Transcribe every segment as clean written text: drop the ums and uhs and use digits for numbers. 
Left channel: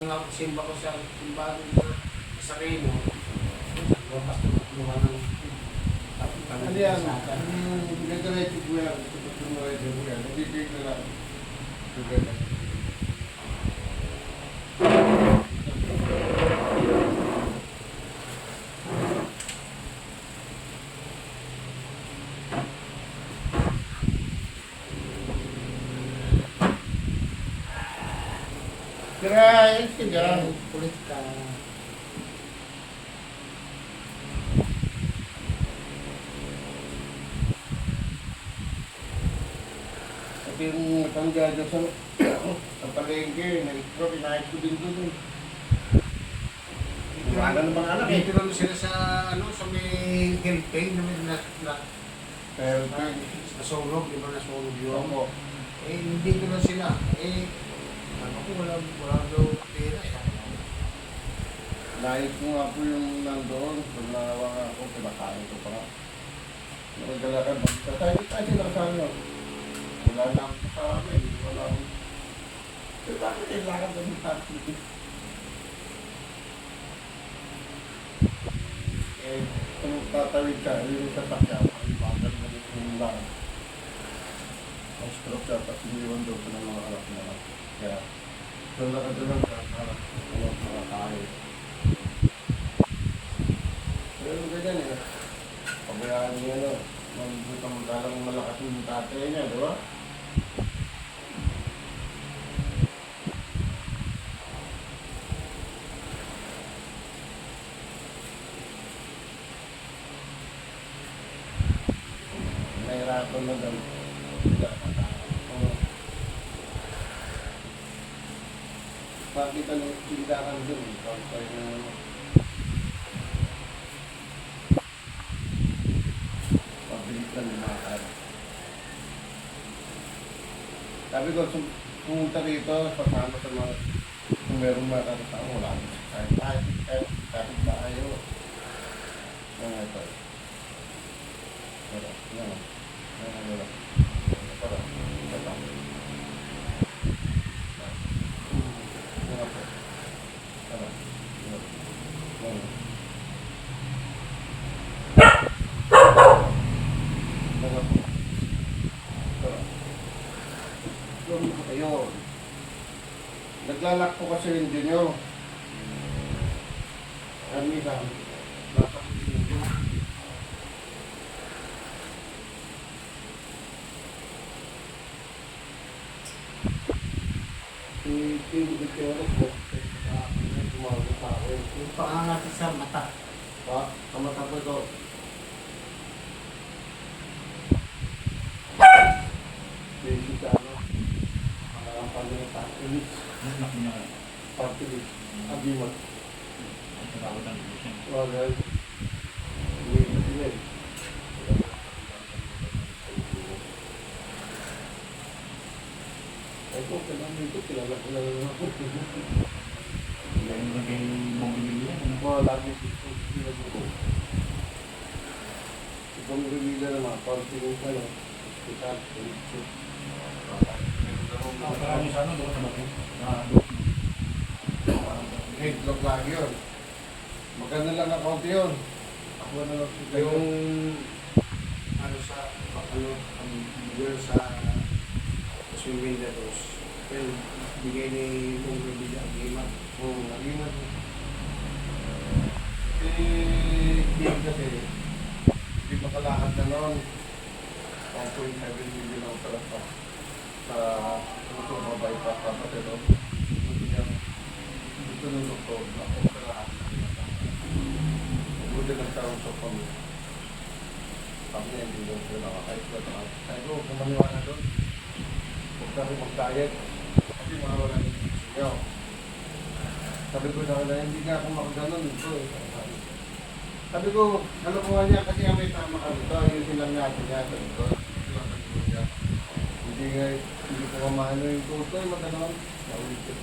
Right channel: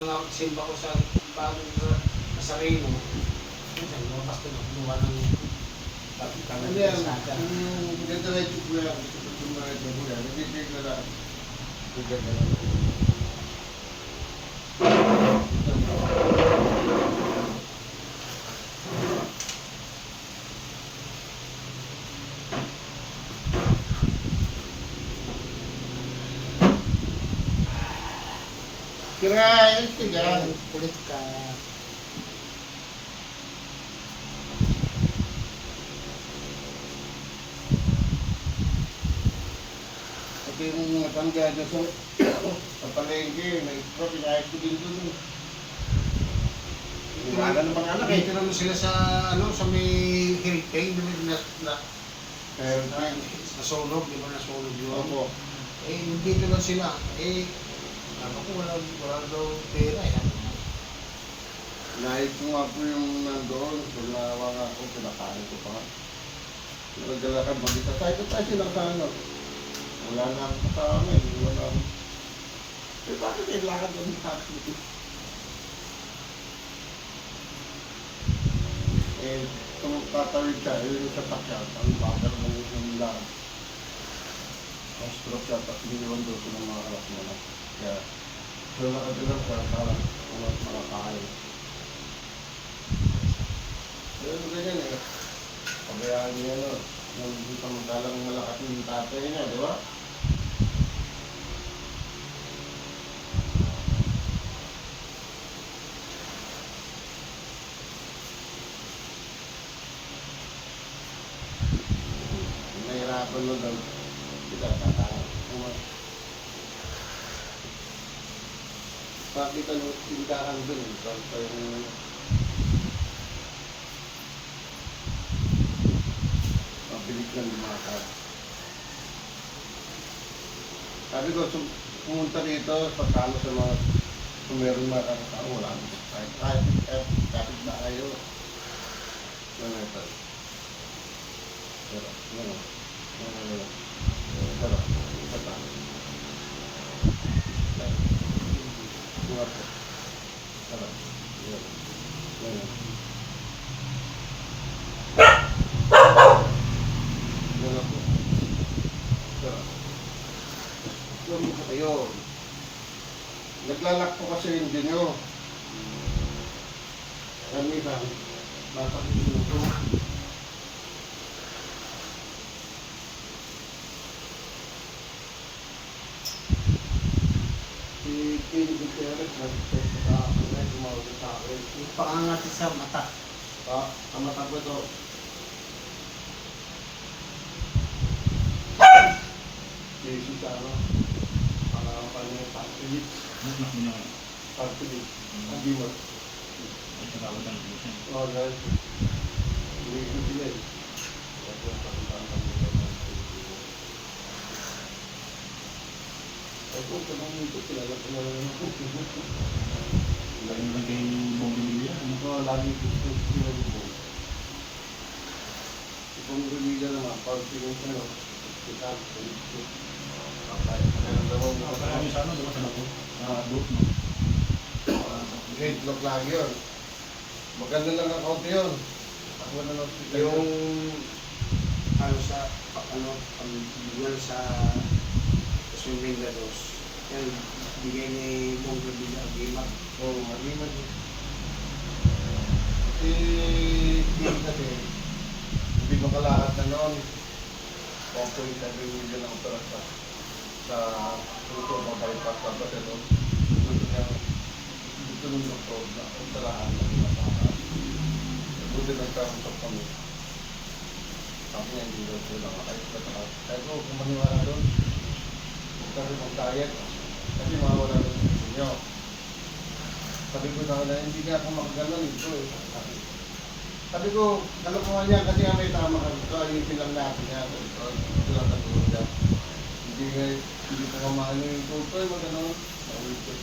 Simba ko sa bagong sa Reno. Lumabas na magluha ng Ano yan? Ganito ko yan. Gusto na rin ko yan. Nagigig na lang. Nagigig na lang. Kirain, tigang. Kulit ka. At yung matangga dyan sa palengke, pinahit ko din doon. Wala ng mga anak eh. Dito naman sila sa sa may Hillpay na nasunog, di ba nasunog yun? Opo. Dito lang sila. Ano ko wala daw pera eh. Lahit ko nga po yung nandoon, so nawa nga ako, pinakain ko pa nga. Nagdalakan, magkita tayo lang sa ano. Wala na ang kasama eh, wala akong... So bakit kailangan kami natin? Tatawid ka, yung sasakyan, ang bakal ng yung lahat. Ang stroke siya, tapos iniwan doon ko ng mga anak mo lang. Kaya, wala ka doon lang para mga tayo. Pero ganyan eh. Pabayaan niya magdalang malakas yung tatay niya, di ba? Nahirapan mo daw. Sila kakaroon. Bakit ano, tindahan dun? Ikaw tayo ng... Pabilis na lumakad. Sabi ko, pumunta dito, pasama sa mga... Kung meron mga kakasama, wala mo. Kahit na ayaw. Ano ito? Pero, ano? Pero, kata. Pero, ayun. Naglalak po kasi yung engine nyo. Ano ba? Bakit yung ito? Yung paangat sa mata. Sa mata po ito. Basic sa ano? Ang kanyang partilit. Partilit. Sabi mo. Oh guys. Hindi sila eh. Ito, kailangan dito. Kilala naman ako. Lagi mo lang kayo bumibili yan. Oo, lagi sila ko. Ibang rumila naman, pag pinunta no, hospital, police. Parang sa ano, doon sa laki. Grade block lagi yun. Maganda lang ang kaunti yun. Ako na lang Yung yun sa Swing Vendados, yung bigay ni Mong Revilla ang gimat. Oo, mag-imat. Game kasi, hindi makalakad na noon. 1.7 million ang operas pa. Sa luto mo bypass pa ba pero gusto ng doktor na operahan na pinapakakas. Buti ng taong sa kami. Sabi niya hindi daw sila nakakayos na tao. Sabi ko, kumaniwala doon. Huwag kasi mag-diet. Kasi mawala na sa inyo. Sabi ko na kaya hindi nga ako makaganon ito. Sabi ko, ano ko nga niya kasi may tama ka dito. Ayusin lang natin niya. Ito lang katulog niya. Hindi ko kamano yung tutoy. Magano'n. Naulit ko.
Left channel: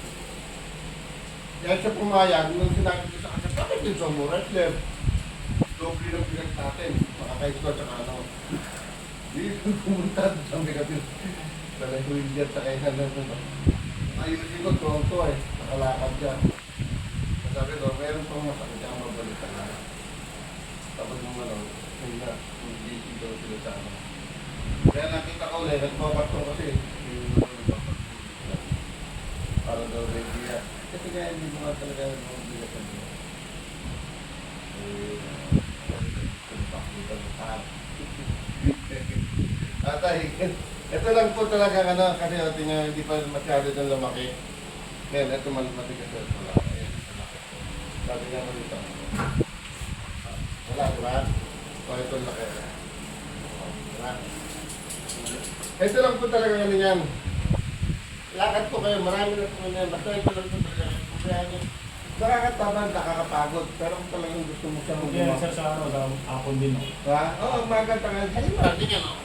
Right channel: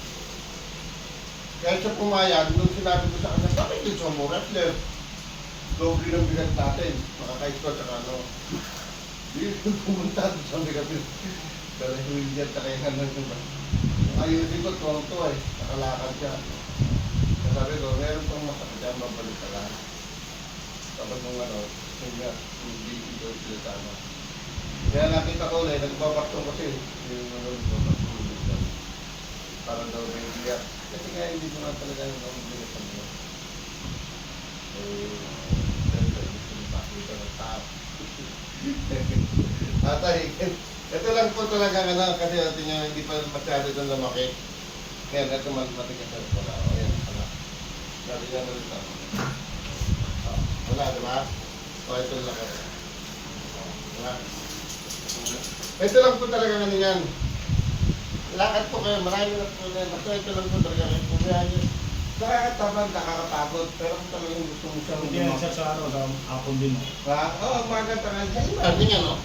Kaya siya pumayag, nung sinabi ko sa kanya, bakit yung sumo wrestler? Doble ng bigat natin. Makakait ko sa ano. Hindi pumunta sa bigat. Dala ko yung jet sa kainan ng ayusin ko, tuwang-tuwa eh. nakakalakad ka. Sabi ko, meron pang masakit yan, mabalik ka lang. Tapos nung ano, yun nga, hindi daw sila sa ano. Kaya nakita ko ulit, nagpapaktong kasi. Yung ano, nagpapaktong ulit. Para daw ready yan. Kasi kaya hindi mo nga talaga yung mga bilisan mo. Eh, sabi ko, gusto mo pakita ng tao. Atay, ito lang po talaga ano, kasi natin niya hindi pa masyado doon lumaki. Ngayon, ito man matigas na pala. Ayan, wala. Sabi niya mo rin ito. Wala, di ba? O, ito laki. Diba? Ito lang po talaga ano yan. Lakad po kayo, marami na po yan. Basta ito lang po talaga. Pumayaan nyo. Nakakatabang, nakakapagod. Pero kung talagang gusto mo siyang Hindi yan, sir, sa ano, sa hapon din, no? Ha? Oo, magantangan. Ay, marami nga, no?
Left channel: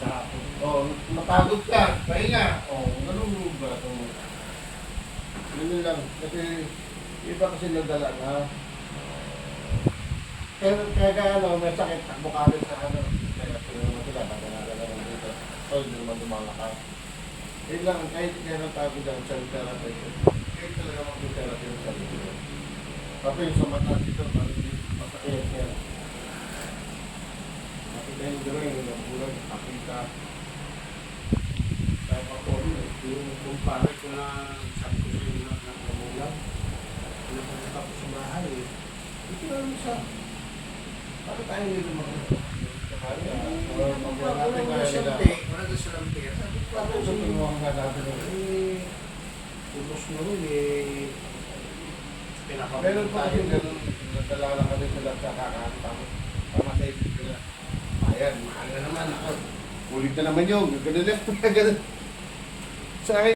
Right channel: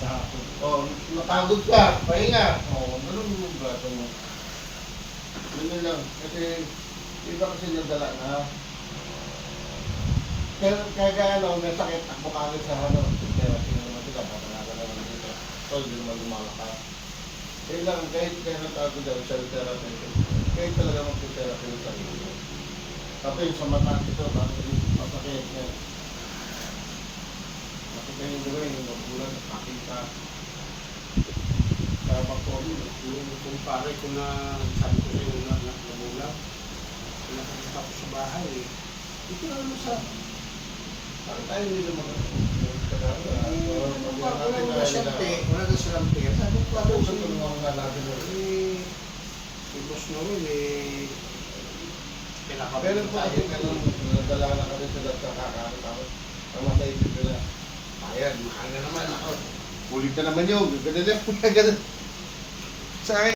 Sa hapon. Oo, mapagod ka. Pahinga. Oo, ganun mo ba? Yun lang. Kasi, iba kasi nadala na. Kaya ano, may sakit, takbo ka rin sa ano. Kaya sino naman sila, baka nalala naman dito. O, hindi naman lumalakad. Eh lang, kahit kaya natago dyan, self-therapy. Kahit talaga mag-therapy ng sarili. Tapos yung sa mata dito, masakit yan. Makita yung gawin, yung mabulan, nakita. Kaya pa po, yung kumpare ko na sabi ko sa inyo na namulang, napunta ko sa bahay. Ito na naman sa... Para tayo hindi naman Wala na silang pera. Sabi ko, Paano sa tulungan nga natin? tulos na rin Meron po kasi ganun, nagdala lang kami sila sa kakaano tapos tama sa isip ko na, ayan, mahal na naman ako. Ulit na naman yun, ganun lang, ganun. Sa akin,